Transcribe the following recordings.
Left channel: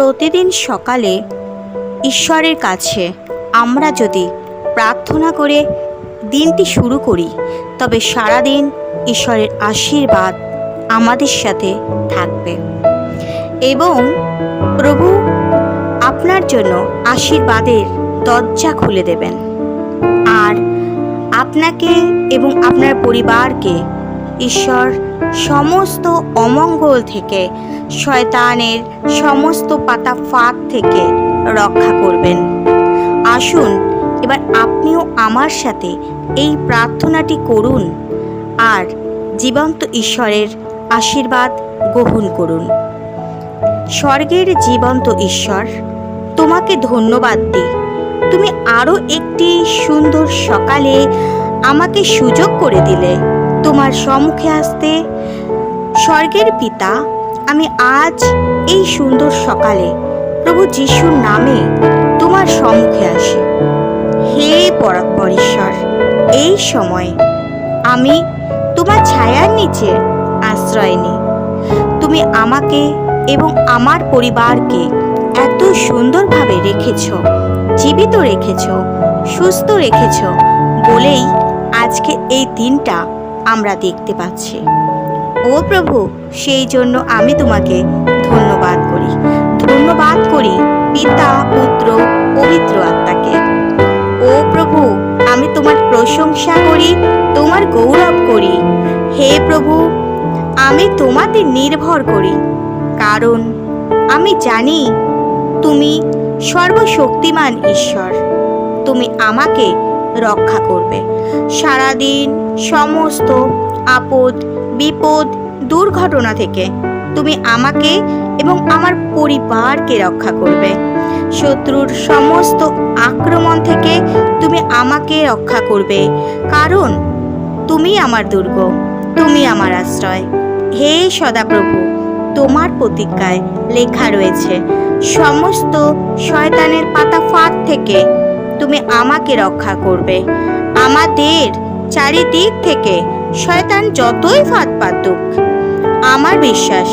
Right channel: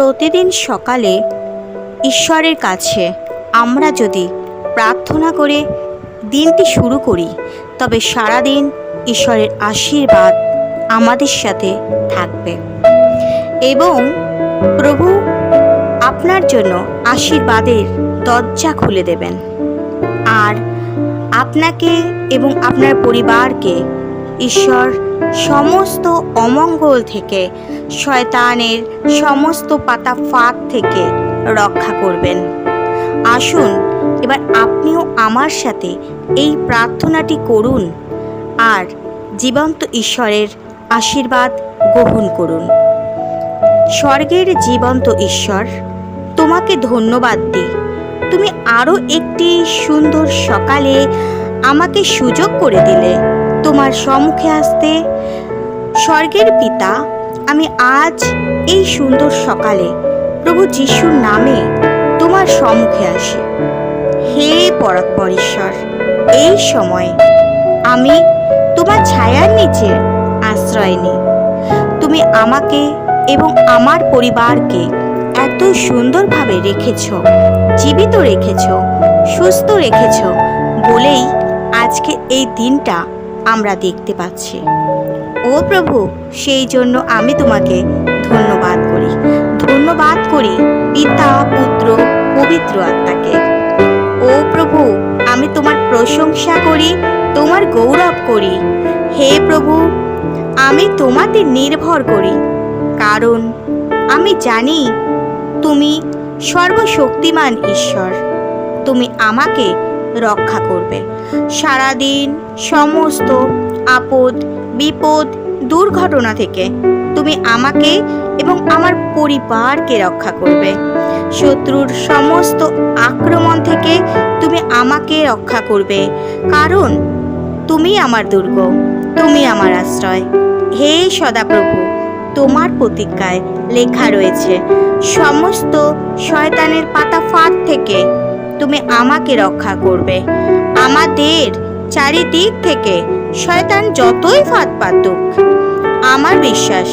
প্রতিদিন সকালে ঈশ্বরের কাছে আমরা যদি প্রার্থনা করে দিনটি শুরু করি, তবে সারাদিন ঈশ্বরের আশীর্বাদ আমাদের সাথে থাকবে এবং প্রভু আপনার জন্য আশীর্বাদের দরজা খুলে দেবেন। আর আপনাকে এবং আপনার পরিবারকে ঈশ্বর সমস্ত অমঙ্গল থেকে, শয়তানের সমস্ত পাতা ফাঁদ থেকে রক্ষা করবেন। আসুন এবার আপনিও আমার সাথে এই প্রার্থনাটি করুন আর জীবন্ত ঈশ্বরের আশীর্বাদ গ্রহণ করুন। স্বর্গের জীবন্ত ঈশ্বর, তোমাকে ধন্যবাদ দিই। তুমি আরও একটি সুন্দর সকালে আমাকে সুযোগ করে দিলে তোমার সম্মুখে আসতে। স্বর্গের পিতা, আমি আজ এই সুন্দর সকালে প্রভু যিশুর নামে তোমার সম্মুখে আসি। হে পরাৎপর ঈশ্বর, এই সময় আমি তোমার ছায়ার নিচে আশ্রয় নিই। তুমি আমাকে এবং আমার পরিবারকে এত সুন্দরভাবে রেখেছ, জীবিত রেখেছ, সুস্থ রেখেছ বলেই আজকে এই দিনটা আমরা দেখতে পাচ্ছি। ও প্রভু, সেই জন্য আমি তোমাকে ধন্যবাদ করি। ধন্যবাদ করি পিতা, পুত্র, পবিত্র আত্মাকে। ও প্রভু, আমি তোমার প্রশংসা করি, তোমার গৌরব করি। হে প্রভু, আমি তোমাতে নির্ভর করি, কারণ আমি জানি তুমি সর্বশক্তিমান ঈশ্বর। তুমি আমাকে রক্ষা করবে সারাদিন সমস্ত আপদ বিপদ দুর্ঘটনা থেকে। তুমি আমাকে এবং আমার পরিবারকে রক্ষা করবে শত্রুর সমস্ত আক্রমণ থেকে। তুমি আমাকে রক্ষা করবে, কারণ তুমি আমার দুর্গ, তুমি আমার আশ্রয়। হে সদাপ্রভু, তোমার প্রতিজ্ঞায় লেখা রয়েছে সমস্ত শয়তানের পাতা ফাঁদ থেকে তুমি আমাকে রক্ষা করবে। আমাদের চারিদিক থেকে শয়তান যতই ফাঁদ পাতুক, আমার বিশ্বাস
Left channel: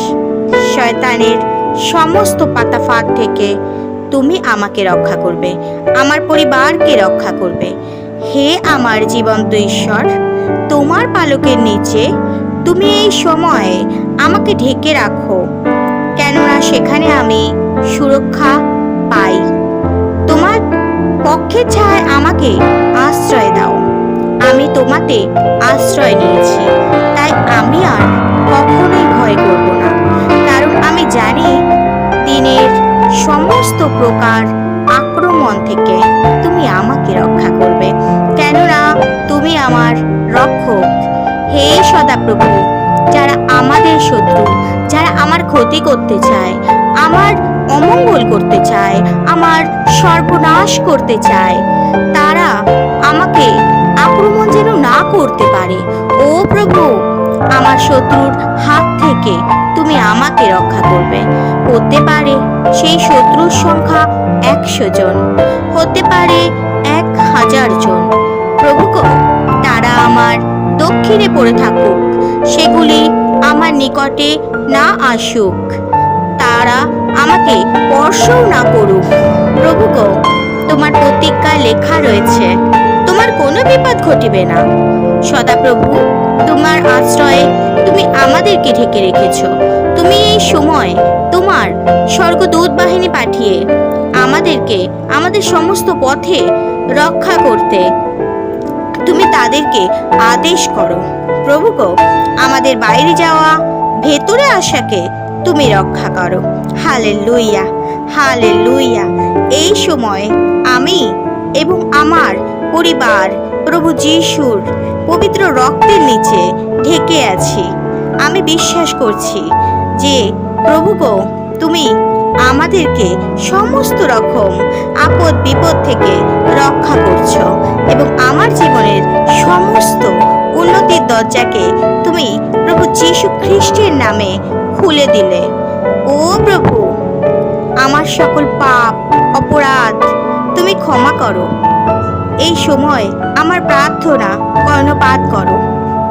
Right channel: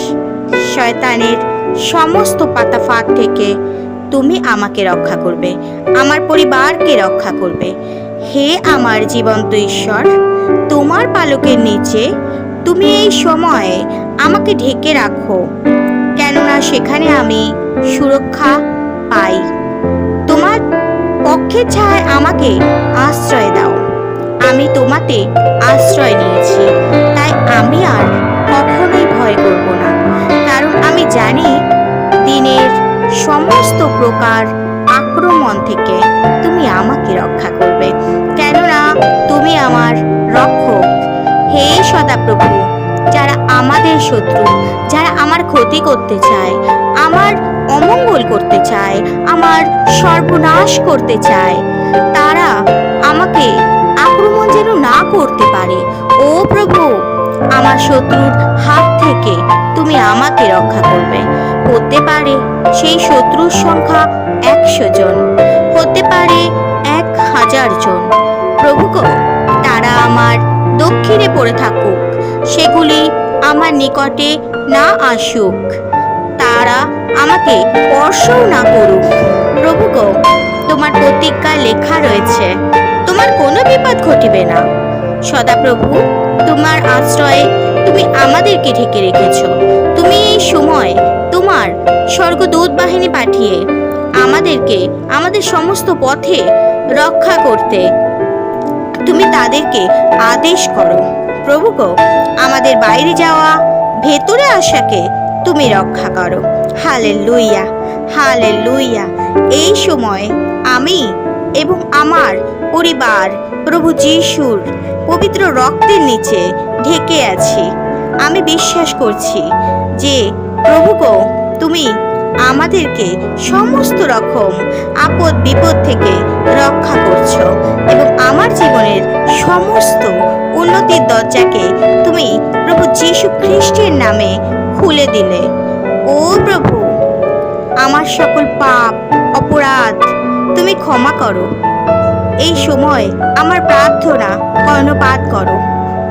শয়তানের সমস্ত পাতা ফাঁদ থেকে তুমি আমাকে রক্ষা করবে, আমার পরিবারকে রক্ষা করবে। হে আমার জীবন্ত ঈশ্বর, তোমার পালকের নিচে তুমি এই সময়ে আমাকে ঢেকে রাখো, কেননা সেখানে আমি সুরক্ষা পাই। তোমার পক্ষে ছায় আমাকে আশ্রয় দাও। আমি তোমাতে আশ্রয় নিয়েছি, তাই আমি আর কখনোই ভয় করব না, কারণ আমি জানি দিনের সমস্ত প্রকার আক্রমণ থেকে তুমি আমাকে রক্ষা করবে, কেননা তুমি আমার রক্ষক। হে সদাপ্রভু, যারা আমাদের শত্রু, যারা আমার ক্ষতি করতে চায়, আমার অমঙ্গল করতে চায়, আমার সর্বনাশ করতে চায়, তারা আমাকে আক্রমণ যেন না করতে পারে। ও প্রভু, আমার শত্রুর হাত থেকে তুমি আমাকে রক্ষা করবে। হতে পারে সেই শত্রুর সংখ্যা 100 জন, হতে পারে 1000 জন। প্রভু গো, তারা আমার দক্ষিণে পড়ে থাকুক, সেগুলি আমার নিকটে না আসুক, তারা আমাকে স্পর্শও না করুক। প্রভু গো, তোমার প্রতিজ্ঞায় লেখা রয়েছে তোমার কোনো বিপদ ঘটিবে না। সদাপ্রভু, তোমার আশ্রয়ে তুমি আমাদেরকে ঢেকে রেখেছ। তুমি এই সময় তোমার স্বর্গদূত বাহিনী পাঠিয়ে আমাদেরকে আমাদের সমস্ত পথে রক্ষা করতে তুমি তাদেরকে আদেশ করো। প্রভু গো, আমাদের বাইরে যাওয়া ভেতরে আসাকে তুমি রক্ষা করো। Hallelujah, hallelujah. এই সময় আমি এবং আমার পরিবার প্রভু যিশুর পবিত্র রক্তের নিচে ঢেকে আছি। আমি বিশ্বাস করছি যে প্রভু গো, তুমি আমাদেরকে সমস্ত রকম আপদ বিপদ থেকে রক্ষা করছো এবং আমার জীবনের সমস্ত উন্নতির দরজাকে তুমি প্রভু যীশু খ্রিস্টের নামে খুলে দিলে। ও প্রভু, আমার সকল পাপ অপরাধ তুমি ক্ষমা করো। এই সময় আমার প্রার্থনা কর্ণপাত করো।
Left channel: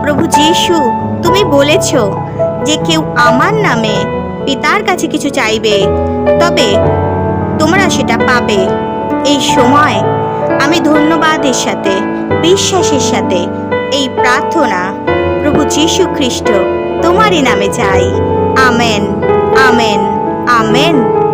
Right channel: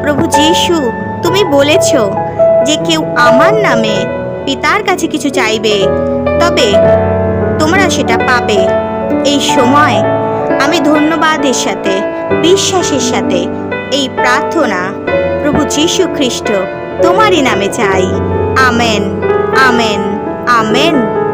প্রভু যীশু, তুমি বলেছ যে কেউ আমার নামে পিতার কাছে কিছু চাইবে তবে তোমরা সেটা পাবে। এই সময় আমি ধন্যবাদের সাথে, বিশ্বাসের সাথে এই প্রার্থনা প্রভু যীশু খ্রিস্ট তোমারই নামে চাই। Amen, amen, amen.